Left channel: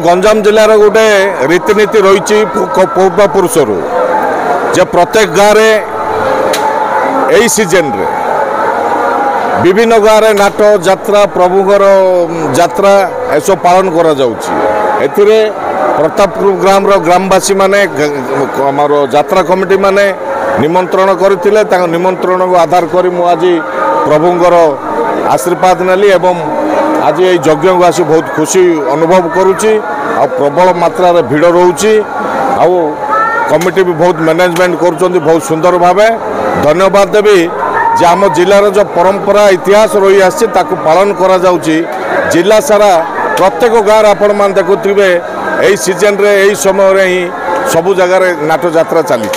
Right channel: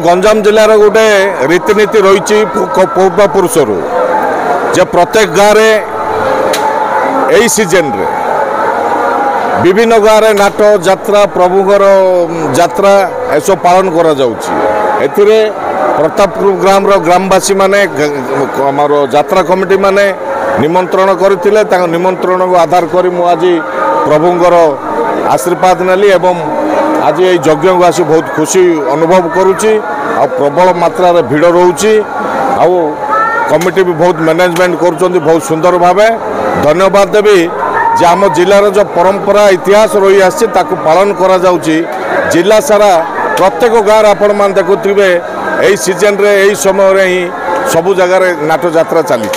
गंजाम जिलार गोटे रीतिनीति रही पूर्वपुरुष जे प्रत्येक गाँव यही सीजन रे विभिन्न गाँव नाट जात्रा प्रभुगर जात्रा ऐसा पालन करा एथिरे प्रतापपुर ग्राम ग्रामवासी माने आमर जात्रा कमिटी माने निमंत्रण करथिले तांग निमंत्रण को आधार करी मु आज प्रभुंगर आशीर्वाद नेली एवं आज ये यज्ञ को आसी बहुत खुशी अनुभव करुच्ची आ प्रबल मात्रा रे भीड़ रोची आ कमिटी भी बहुत मैनेजमेंट करुँच बहुत सुंदर भावे धन्यवाद देवी जे आम जिलार जो परंपरा इतिहास रही आसी ताकू पालन करा जाउची जिला सारा प्रत्येक गाँव आपण मान देखुथिबे एही सीजन रे एही समय रे ही सबु जगह नाट जात्रा चली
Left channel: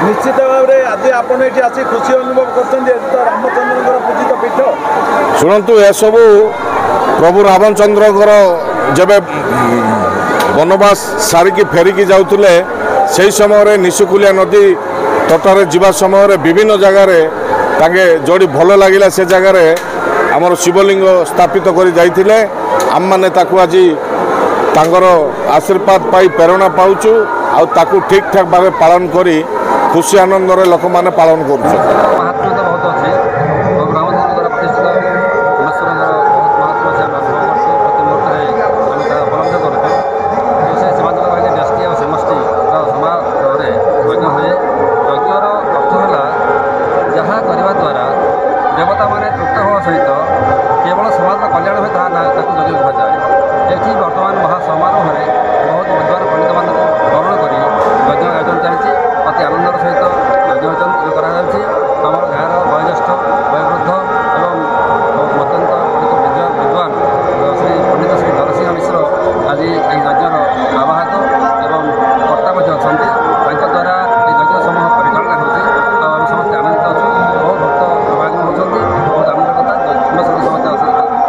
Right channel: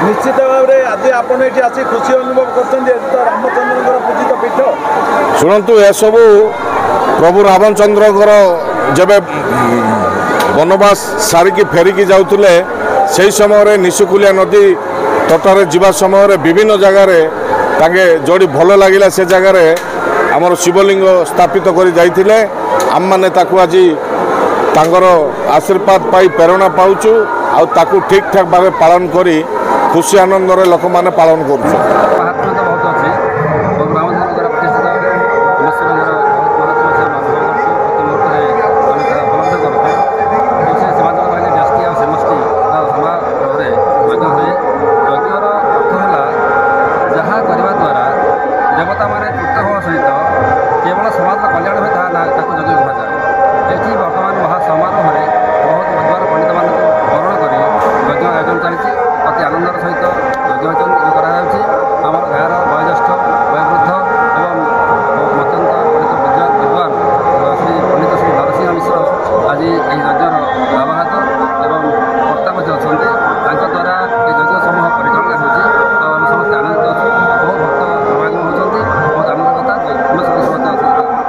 निश्चित भाव में आज आपण एठी आसी खुशी अनुभव करछन जे तो रामचंद्रकर पूजित पीठ शुणु ए सबू प्रभु रामचंद्रकर जब वनवास सारिकी फेरिकी जाउतले से समय निशुकुलिया नदी तटारे जीवा समय विभिन्न जगार ताके जोड़ी भल लगिला से जगार आमर शिवलिंग स्थापित करी जाइथिले आम माने ताकू आज तांगर आशीर्वाद पाई प्रेरणा पाउचु आ ताकू ठीक ठाक भाव पालन करी खुशी आनंद लोक मैंने पालन कर महात्मा तो बहुत अच्छे रामचंद्र द्वारा प्रतिष्ठित परमेश्वर बहुत महात्मा से अनुभव करते प्रति मुहूर्त आम उपलब्ध करूँ तो से सीमांचल बाहिनी न्यष्टि और समष्टि समारोह यज्ञ हुए यज्ञर अर्थ है जहाँ करने द्वारा देवता मैंने तृप्त होगा सहित केवल समाज कल्याण हुए ताकू यज्ञ कहुए ये बर्तमान महासमारोह में बहुत विद्वान पंडित मान वरण कर यज्ञ आयोजन चली अति आनंदर सहित यज्ञ आमर गाँव वयोज्येष्ठ वयोवृद्ध एवं अत्यंत पंडित विद्वान श्री पंडित श्री नरसिंह मिश्र आज यह यज्ञर आवाहक एवं कर्ता अच्छा द्वारा ये यज्ञ समूह परिचालना होम समस्त आनंदित अच्छु बहुत भक्त समागम होती बहुत आनंद कथा समस्त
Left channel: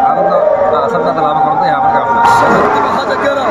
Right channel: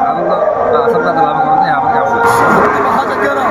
आनंद आशीर्वाद लाभ करते यहाँ पर कामना